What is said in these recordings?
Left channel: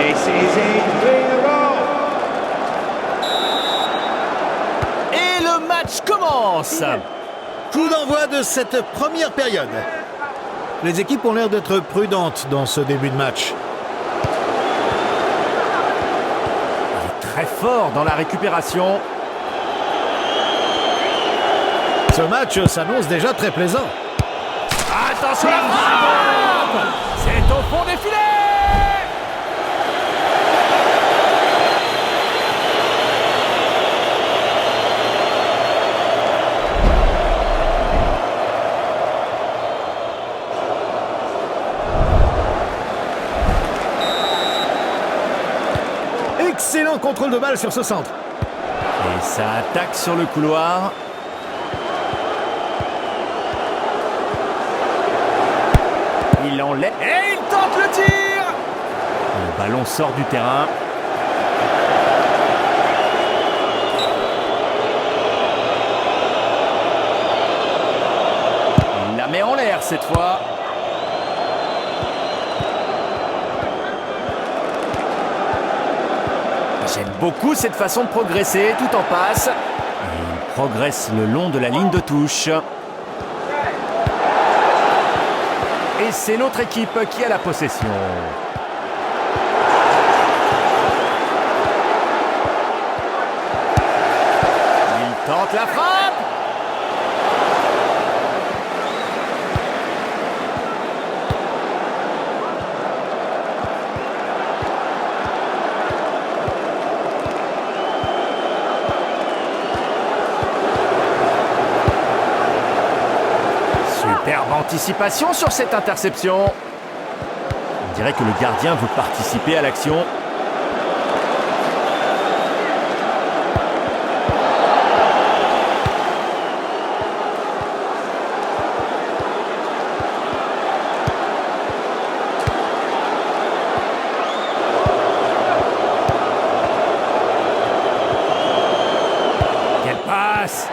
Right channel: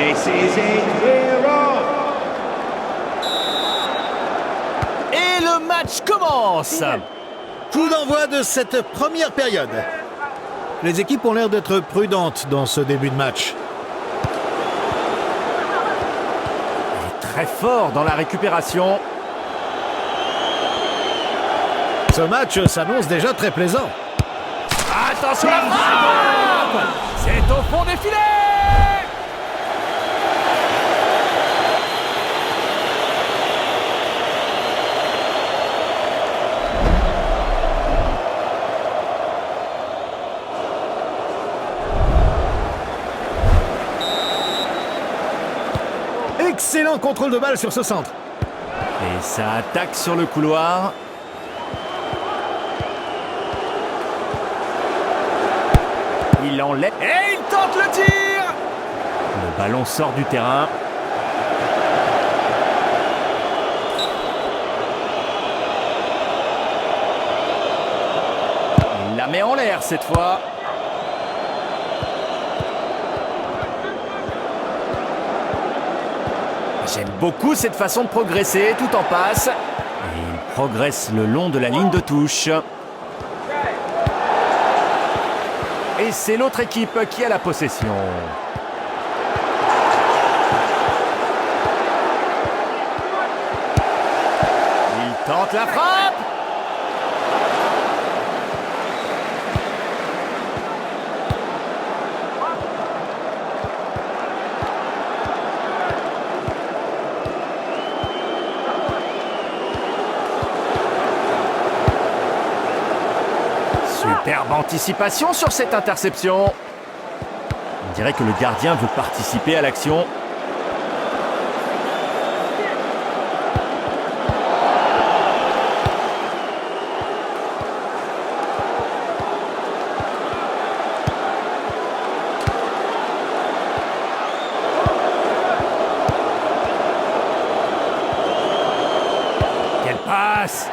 This is in clear off. Et le match commence. Coup d'envoi de cette première période. Les équipes ont l'air d'être prudentes dans ce début de match. Il est très fort dans la récupération. Ce match s'annonce déjà très plaisant. Attention à la frappe! C'est au fond des filets! Excellent contrôle de balle sur ce centre. Et ça attaque sur le couloir. Il enlève et il tente le tir. Le ballon sort du terrain. Il la met en l'air cette fois. J'aime beaucoup cette façon de progresser, tout en passe. Et il progresse le long de la ligne de touche. Et c'est l'autre équipe qui a la possession. Il tente la frappe. Superbe anticipation sur cette interception. On dirait que le gardien veut participer à l'action. Quelle passe!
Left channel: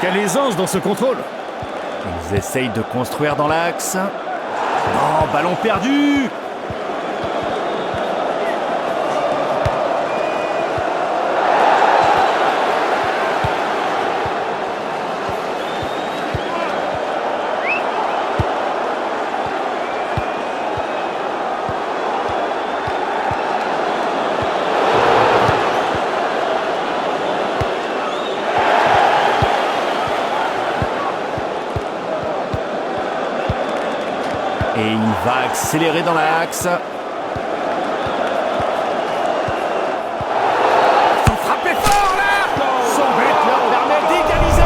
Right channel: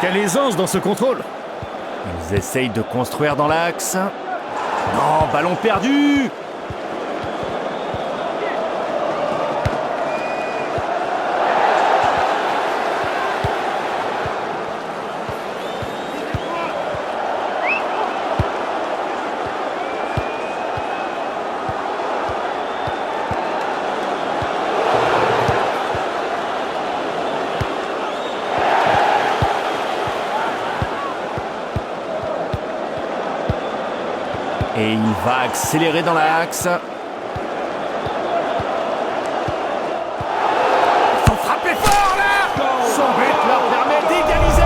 Quelle aisance dans ce contrôle. Ils essayent de construire dans l'axe. Non, ballon perdu! Et il va accélérer dans l'axe. Il faut frapper fort là! Son but leur permet d'égaliser.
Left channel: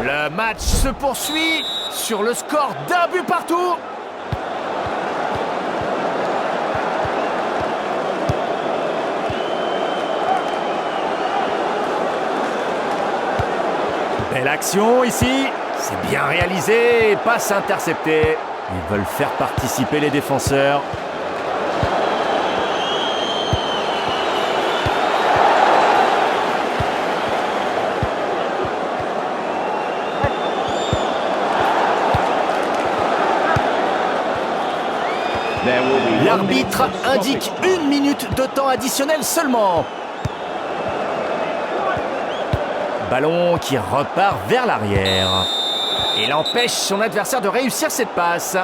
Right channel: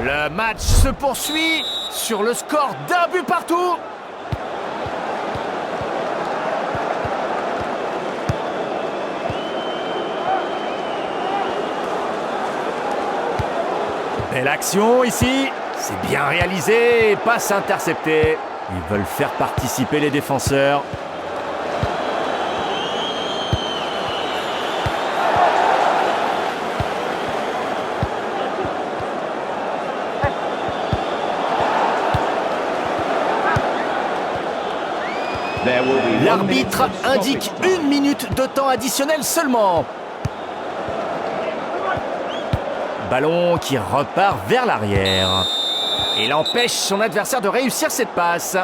Le match se poursuit sur le score d'un but partout. Belle action ici, c'est bien réalisé, passe interceptée. Ils veulent faire participer les défenseurs. L'arbitre indique 1 minute de temps additionnel seulement. Ballon qui repart vers l'arrière. Il empêche son adversaire de réussir cette passe.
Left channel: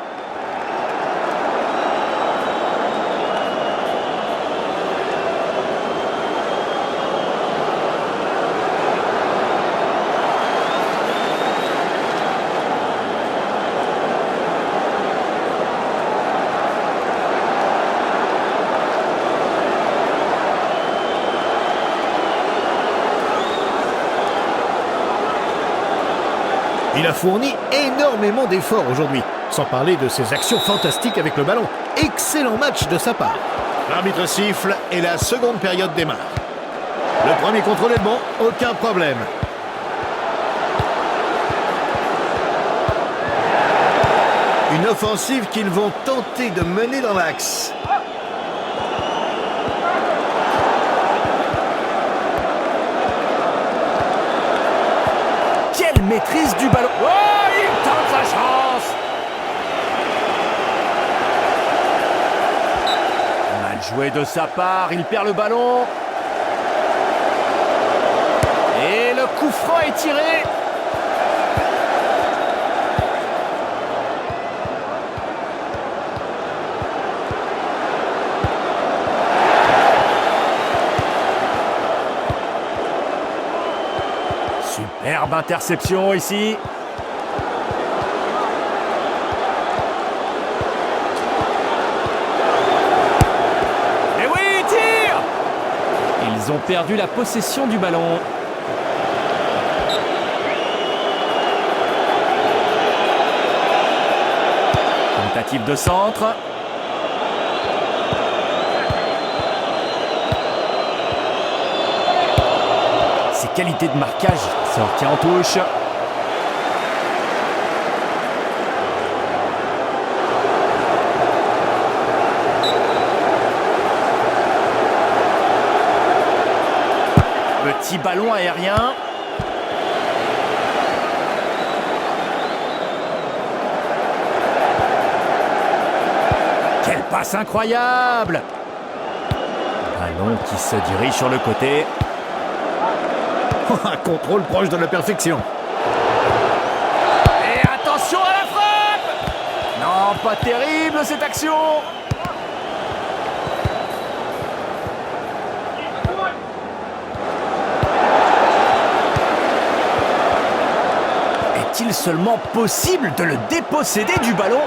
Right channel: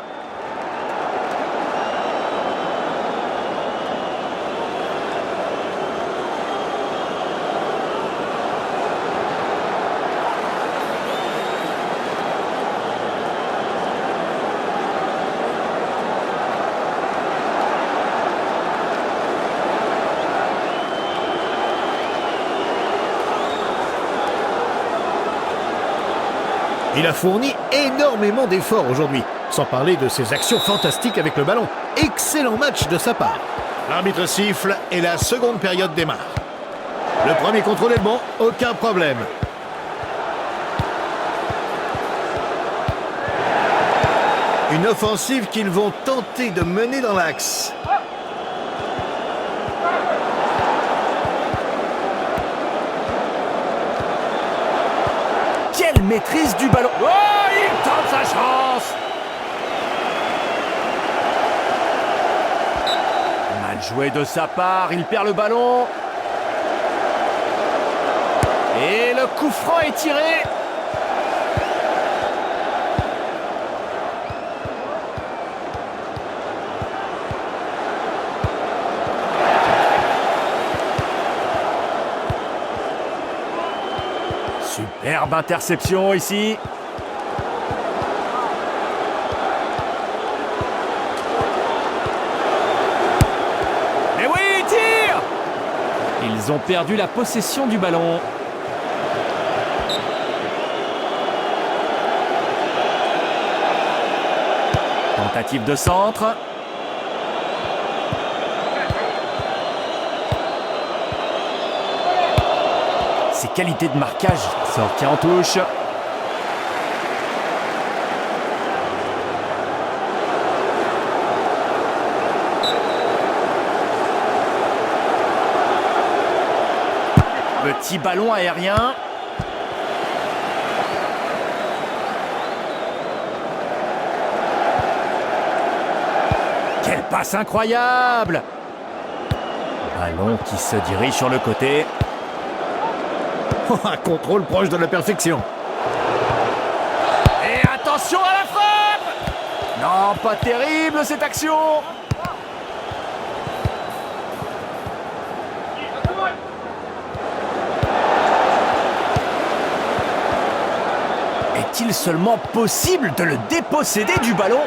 Il a fourni énormément d'efforts aujourd'hui, sans parler de ses actions fantastiques avec le ballon. Excellent match de sa part. L'arbitre siffle et la seconde période démarre. Le premier contrôle est bon, aucun problème. Une offensive qu'ils vont tenter de mener dans l'axe. Quelle maîtrise du ballon! Oh, il tente sa chance! Mal joué de sa part, il perd le ballon. Et le coup franc est tiré. Superbe interception ici. Mais oui, tire! Ils ont perdu la possession du ballon. Tentative de centre. Ses qualités de marquage, sortie en touche. Petit ballon aérien. Quelle passe incroyable! Ballon qui se dirige sur le côté. Un contrôle proche de la perfection. Et attention à la frappe! Non, pas terrible cette action! Est-il seulement possible de le déposséder du ballon?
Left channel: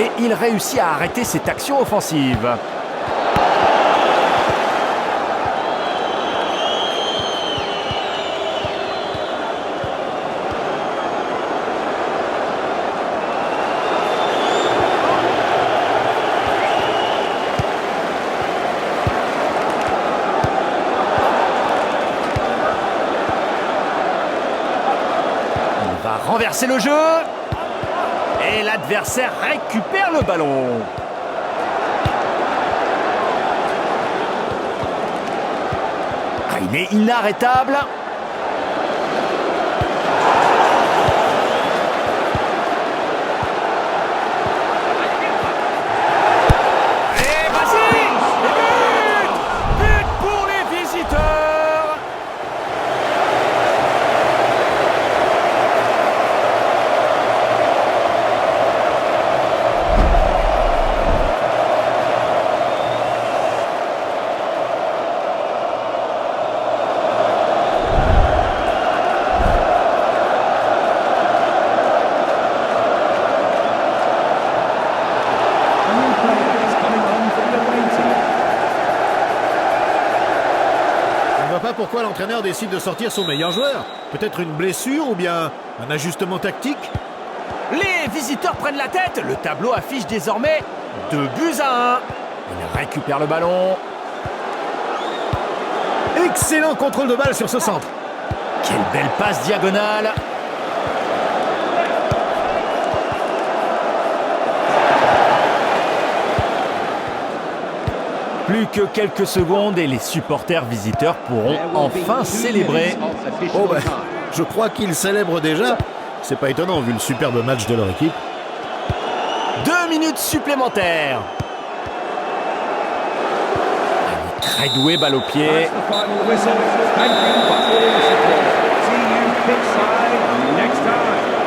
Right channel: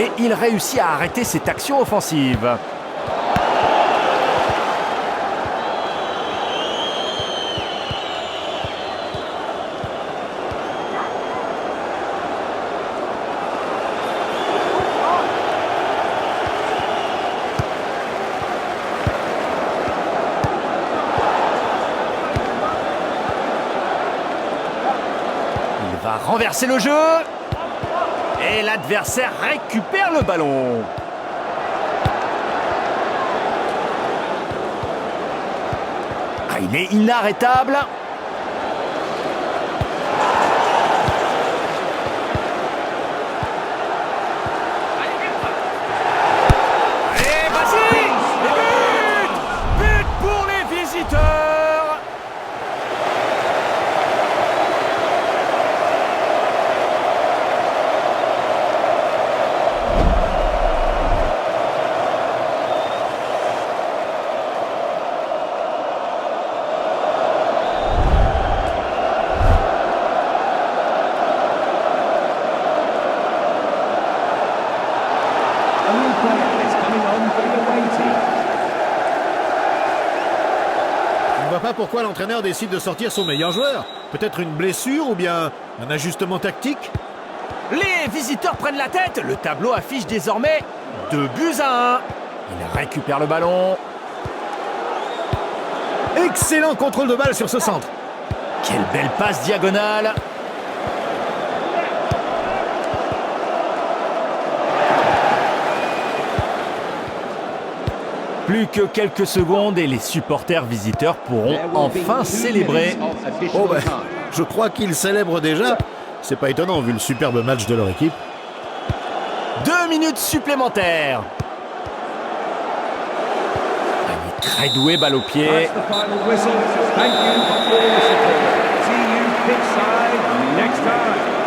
Et il réussit à arrêter cette action offensive. Il va renverser le jeu. Et l'adversaire récupère le ballon. Ah, il est inarrêtable. Allez, vas-y! Et but! But pour les visiteurs! A new player is coming on for the away team. Je ne vois pas pourquoi l'entraîneur décide de sortir son meilleur joueur. Peut-être une blessure ou bien un ajustement tactique? Les visiteurs prennent la tête. Le tableau affiche désormais 2-1. Il récupère le ballon. Excellent contrôle de balle sur ce centre. Quelle belle passe diagonale. Plus que quelques secondes et les supporters visiteurs pourront enfin célébrer. Oh ben, je crois qu'ils célèbrent déjà. C'est pas étonnant vu le superbe match de leur équipe. 2 minutes supplémentaires. Ah, il est très doué, balle au pied. That's the final whistle. Thank you for all the support. See you pitchside next time.